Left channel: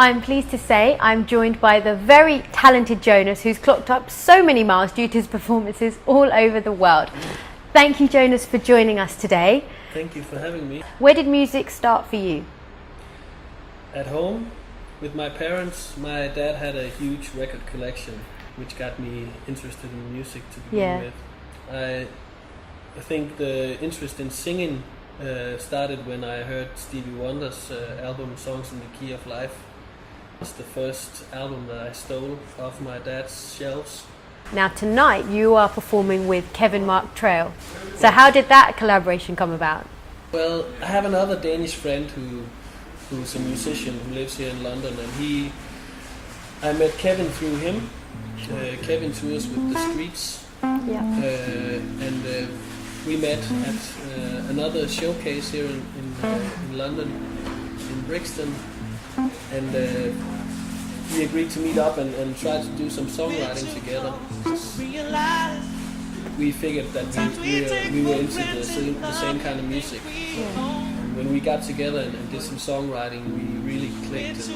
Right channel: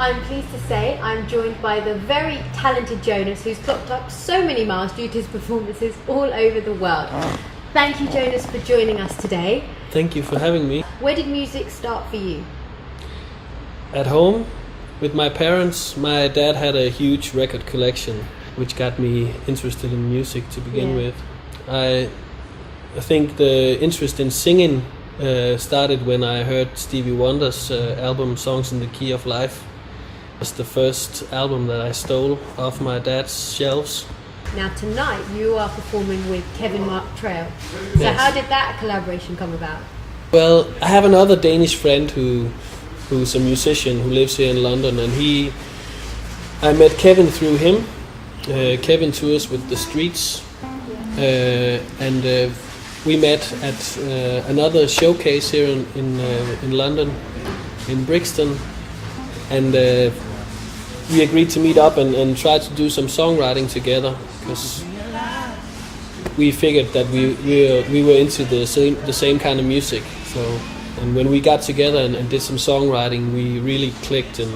I'm pleased to say I'm joined by the very talented Jonas, who's clocked up so many miles due to his performances all over the world. Thank you, Jonas, for joining us today. Thank you for having me. Where did music start for you? At home, with my parents. My dad had a huge record collection, which got me interested in music to begin with. I think the interest in singing started when I heard Stevie Wonder's album Songs in the Key of Life. It's the first album that I stole off my dad's shelves. Now tonight you are performing with Kevin Mark Trail. So Yes. How did that collaboration come about? Well, I have another Danish friend who's a musician who lives here in London, and I met Kevin through him. Kevin tours with The Streets, and we met at another showcase here in London, in Brixton, and we agreed to meet up and try to do some songwriting together, because we figured that we were into the same kind of music. So, and when we got together and did some songwriting, we really clicked, and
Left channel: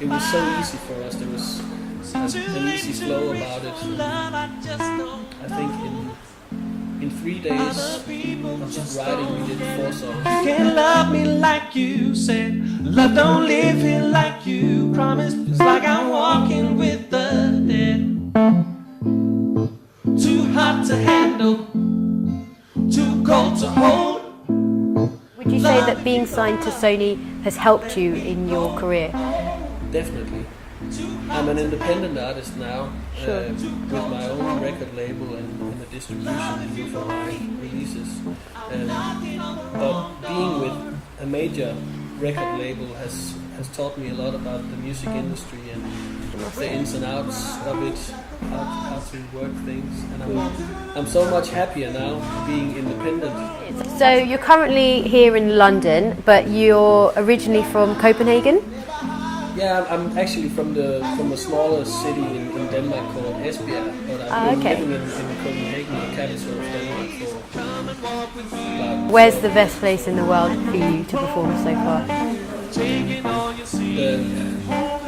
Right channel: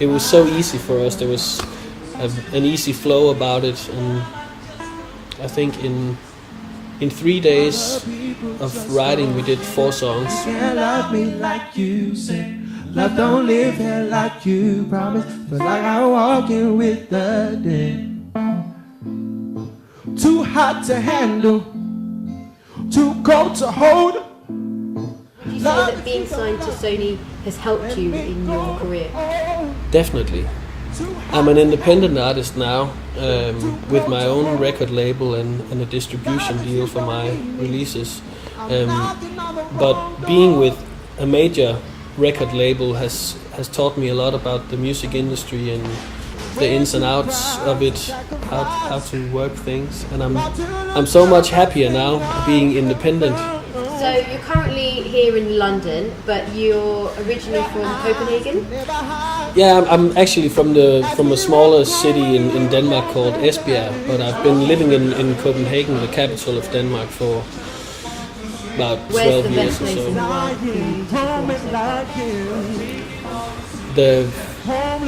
it was so easy for us. There was an easy flow about it, and I think in 3 days of writing we did 4 songs. You can't love me like you said. Love don't live here like you promised. It's like I'm walking with the dead. Too hot to handle, too cold to hold. Would you say that being signed to Sony has helped you in your career? Definitely. I'm an independent artist now, with my own record label and a distribution deal for my releases. But being with a major record label has taught me a lot about the music industry and the ins and outs of it, how to work things, and I'm so much happier now being independent. So you're currently here in London, but you're originally from Copenhagen? Yeah, I'm actually from a smaller city in Denmark called Esbjerg, but I've been living in Copenhagen, the capital of Denmark, for about 12 Where's the years best or place so. in the world for you to perform so far?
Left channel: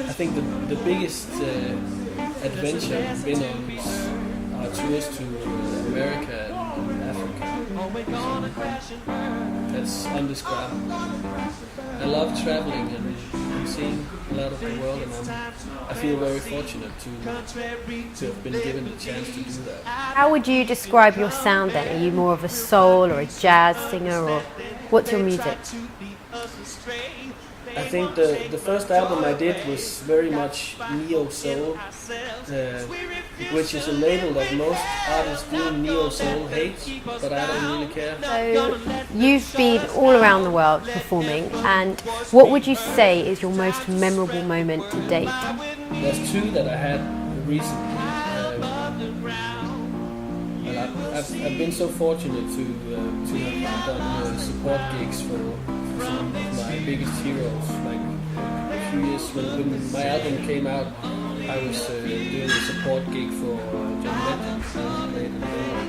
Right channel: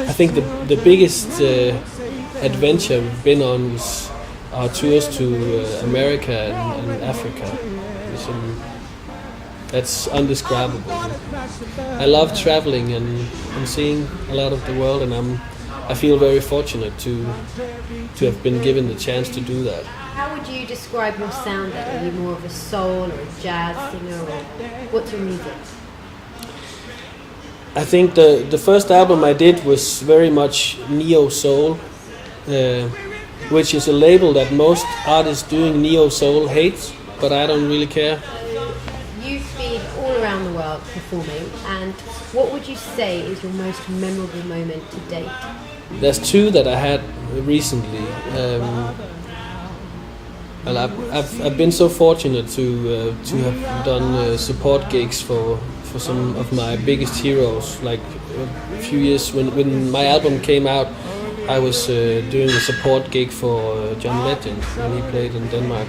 I think the biggest adventure we've been on was our tours to America and Africa. That's undescribable. I love traveling and seeing a lot of the world, and I feel very fortunate to have been given the chance to do that. How would you describe your sound then? Are you more of a soul or a jazz singer, or what's your music? I think the first album I did was very much neo-soul, which is a label that most artists doing neo-soul hate, but I don't really care. So you've been all around the world performing, and what would you say is your most memorable moment to date? There's 2 that I had recently. Well, I've been so fortunate to have done support gigs for some of my biggest heroes. Like a few years when my album came out, I was doing a support gig for John Legend when he played in Denmark,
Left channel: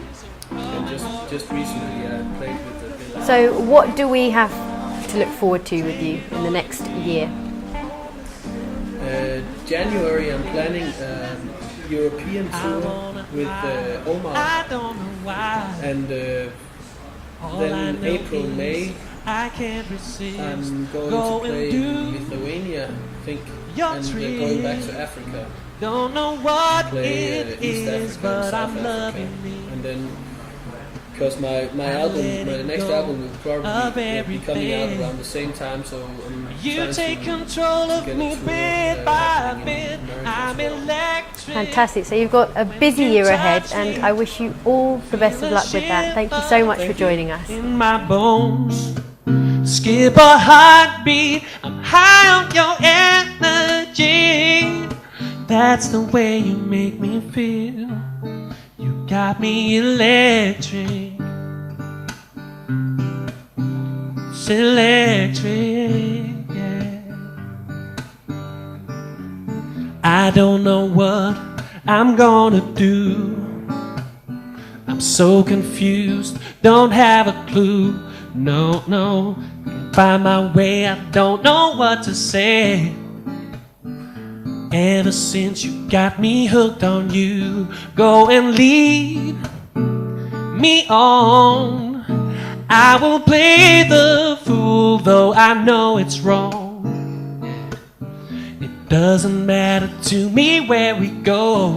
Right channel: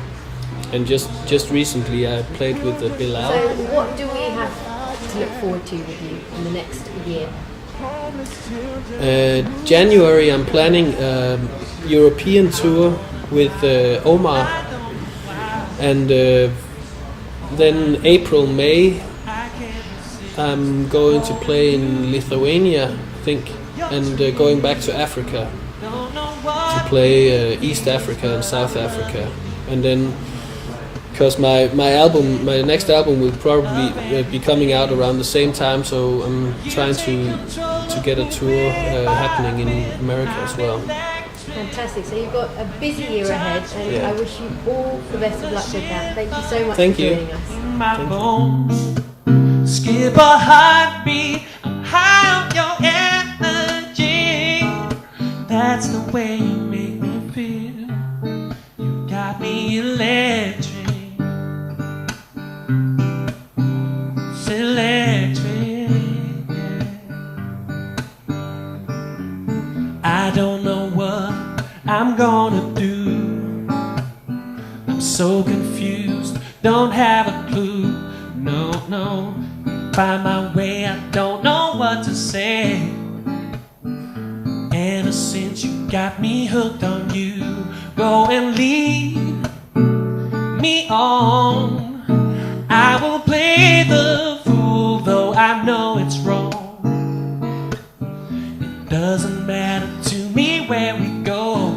and just recently I played with Bilal. So what do we have to look forward to with you in the next year? January I'm planning a European tour with Omar, and then April, May I'm going to play in Lithuania, I think, and going back to Africa to play East Africa and South Africa, and then because my next album will probably be coming out around the same time, so I'm trying to get a tour happening in America as well. Fantastic. So you've got a busy year ahead, and I wish you all the best of luck with that. Thank you so much for joining us. In my bones, skip a heartbeat. I'm high on your energy. That's the way you make me feel. You got me electric. It's electric, yeah. I don't know what I'm gonna do. I'm so confused, don't have a clue. No, find my way, I don't know what to say. Ever since you got me hooked on you, go and lead me on. I will play the fool, though I know it's wrong. It doesn't matter to me where we go.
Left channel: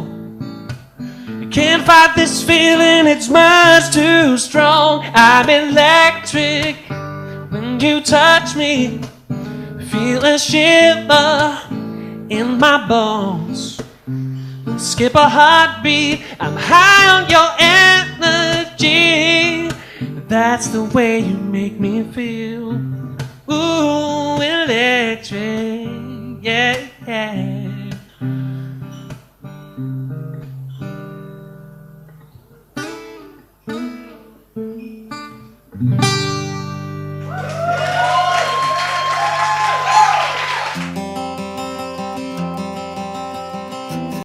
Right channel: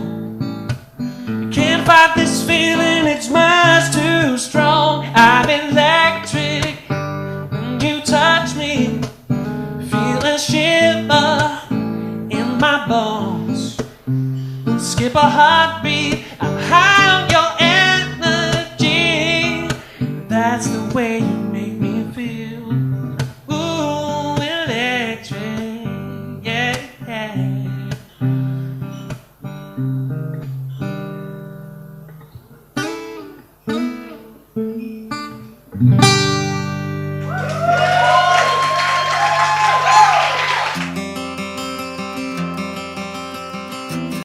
I can't fight this feeling, it's much too strong. I'm electric when you touch me. Feel a shiver in my bones. Skip a heartbeat, I'm high on your energy. That's the way you make me feel. Ooh, electric, yeah, yeah.